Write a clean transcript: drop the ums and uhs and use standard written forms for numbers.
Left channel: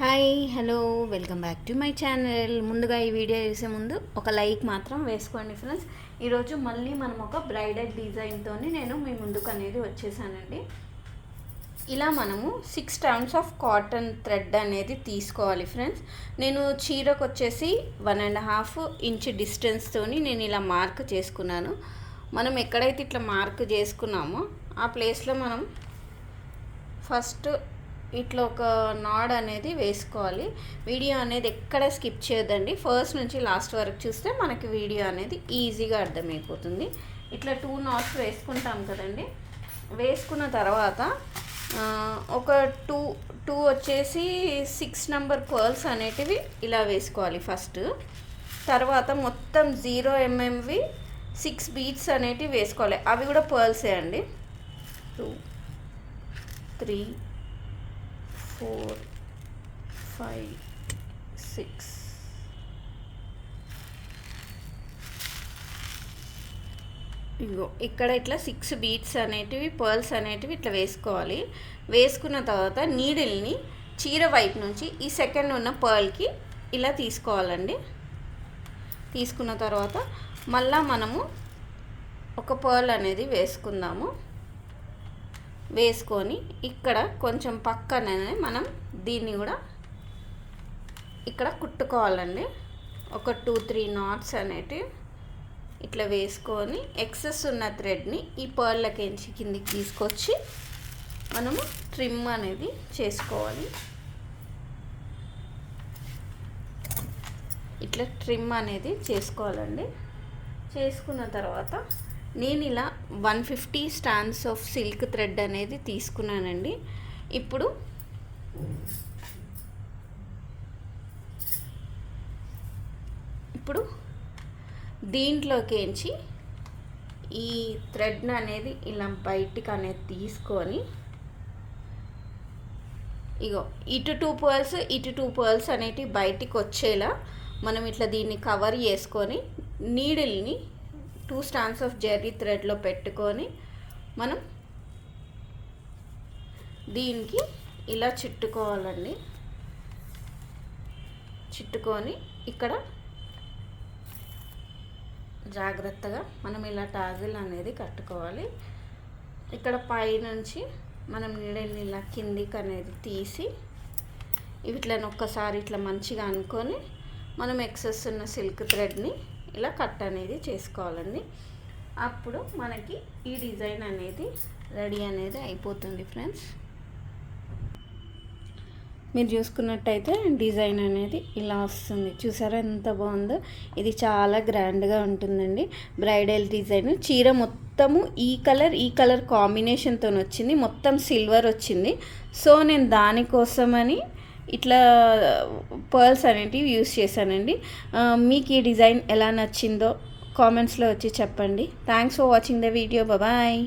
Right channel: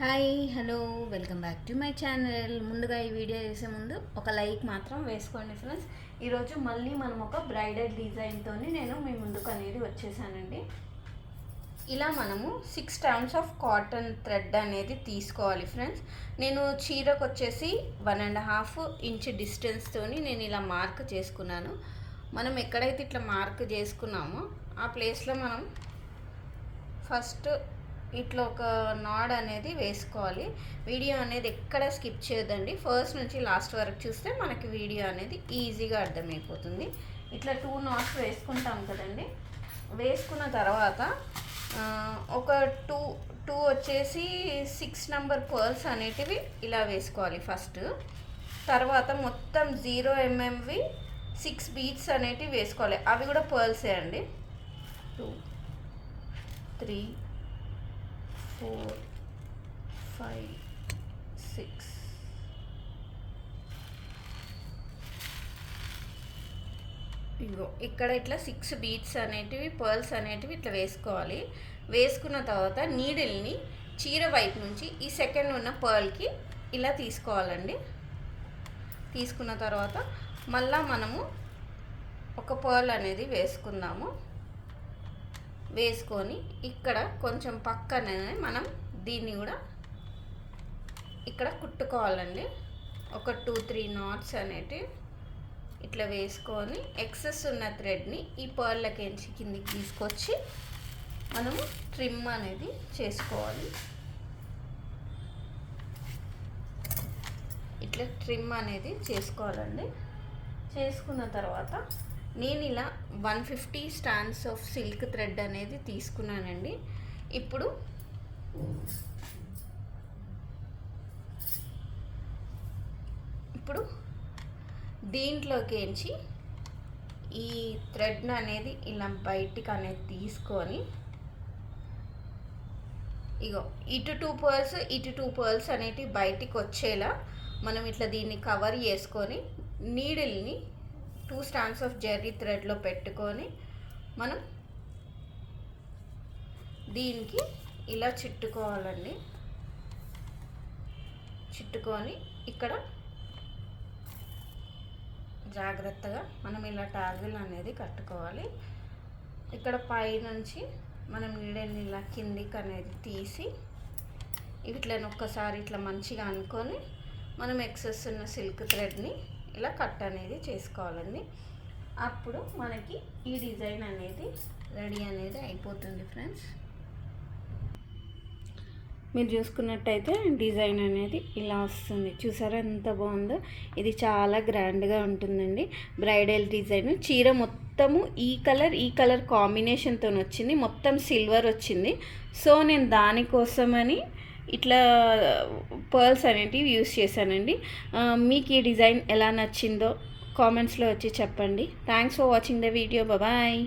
Hi hello welcome back to my channel. ముందుగా ఈ video చేసే ముందు ఒక లైక్ మాత్రం వేసుకోండి ఫ్రెండ్స్. ఈరోజు మళ్ళీ మనం ఒక బ్రైడల్ డిజైన్తో నేను మీ ముందుకు అనేది వచ్చేసానండి. ఇలా మనము 6 టైమ్స్ ఆఫ్ కాటన్ థ్రెడ్ అనేది తీసుకోవాలి ఫ్రెండ్స్. నేను చీరకు వచ్చేసి 1.5 ఇంచ్ డిస్టెన్స్తో నేను ఇలా మార్క్ చేసుకున్నాను. మనం ఎక్కడైతే ఇట్లా మార్క్ చేసుకున్నామో ఆ ప్లేస్లో మనం ఫస్ట్ ఇట్లా ఒక నాడ్ అనేది వేసుకోవాలి. వీడియో అనేది ఎక్కడ స్కిప్ చేయొద్దండి. ఫస్ట్ నుంచి లాస్ట్ వరకు చూస్తే మనకి వీడియో అనేది ఈజీగా అర్థమైపోతుంది. ఇట్లా 2 నాట్స్ వేసుకుంటాం కదండి. వేసుకున్న తర్వాత ఒక టూ వచ్చేసి 6 నెంబర్ పర్ల్స్ అనేటివి ఇలా వేసుకోవాలి ఫస్ట్. తర్వాత మొత్తం 0 mmవి 6 బీడ్స్ అనేటివి వేసుకోవాలి. అవి కూడా పర్ల్సే అండి. 2 3 4 5 6 ఇగో ఇక్కడ ఇట్లా 6 బీడ్స్ అనేటివి పర్ల్స్ అనేటివి ఇట్లా వేసుకోవాలి. వేసుకున్న తర్వాత నీడిల్ని చీర వైపు నుంచి ఈ సెకండ్ ఉన్న పర్ల్కి ఇలా తీసుకోవాలండి. తీసుకున్న తర్వాత మళ్ళా మనము ఒక పర్ల్ అనేది వేసుకుందాము. వేసుకొని ఇక్కడ కొంచెం పక్కనే మనం దీన్ని కూడా ఇక్కడ కుట్టుకోవాలండి. ఒక 2-3 నాట్స్ అనేటివి ఇట్లా వేసుకొని ఎక్సెస్ ఉన్న థ్రెడ్ని ఈ పర్ళ్ళకించి కిందికి తీసుకొచ్చి మనము ట్రిమ్ అనేది చేసుకోవాలి. ఇట్లా ట్రిమ్ అనేది చేసుకోవాలండి. చేసుకున్న తర్వాత నేను ఇలా 150 స్టాండ్స్ ఆఫ్ సిల్క్ థ్రెడ్ అనేది తీసుకున్నానండి. ఇప్పుడు దీంట్లోకించి ఈ థ్రెడ్ అనేది ఇలా బయటికి అనేది తీసుకొని ఇగో ఇటు 2 పర్ల్స్ ఇటు 2 పర్ల్స్ అనేటివి బయటికి వచ్చేలా మనం ఇట్లా దీన్ని కవర్ చేసుకొని నీడిల్ని 2 స్టాండ్స్ ఆఫ్ జెర్రీ థ్రెడ్లో పెట్టుకొని మనం దీనికి ఇలా చుట్టుకోవాలండి. చుట్టుకొని ఇక్కడ జాగ్రత్తగా మనం ఇలా టాజిల్ అనేది కట్టుకోవాలి. ఇక్కడ పైనుంచి మనం నీడల్ని ఇలా కిందికి అనేది తీసి ఇట్లా ఒక్కసారి ఇట్లా మంచిగా అనుకొని మనం ఎక్సెస్ ఉన్న సిల్క్ థ్రెడ్ని ఇలా కట్ అనేది చేసుకోవాలండి. అప్పుడు మనకి ఈ డిజైన్ అనేది రెడీ అనేది అయిపోతుంది ఫ్రెండ్స్. మీరు చూసుకున్నట్టయితే డిజైన్ అనేది ఇలా వస్తుంది. చూసారా ఎంత బాగుందో. ఇది చాలా గ్రాండ్గా ఉంటుందండి. బ్రైడల్ డిజైన్ చీర మొత్తము ఈ కలర్ కాంబినేషన్తో వచ్చింది. మొత్తం సిల్వర్ వచ్చింది. సో నేను దానికోసమని ఇట్లా పర్ల్స్ అనేటివి యూస్ చేశానండి. మీకు ఈ డిజైన్ ఎలా నచ్చిందో కామెంట్స్లో వచ్చి చెప్పండి. Thanks for watching the video. Bye.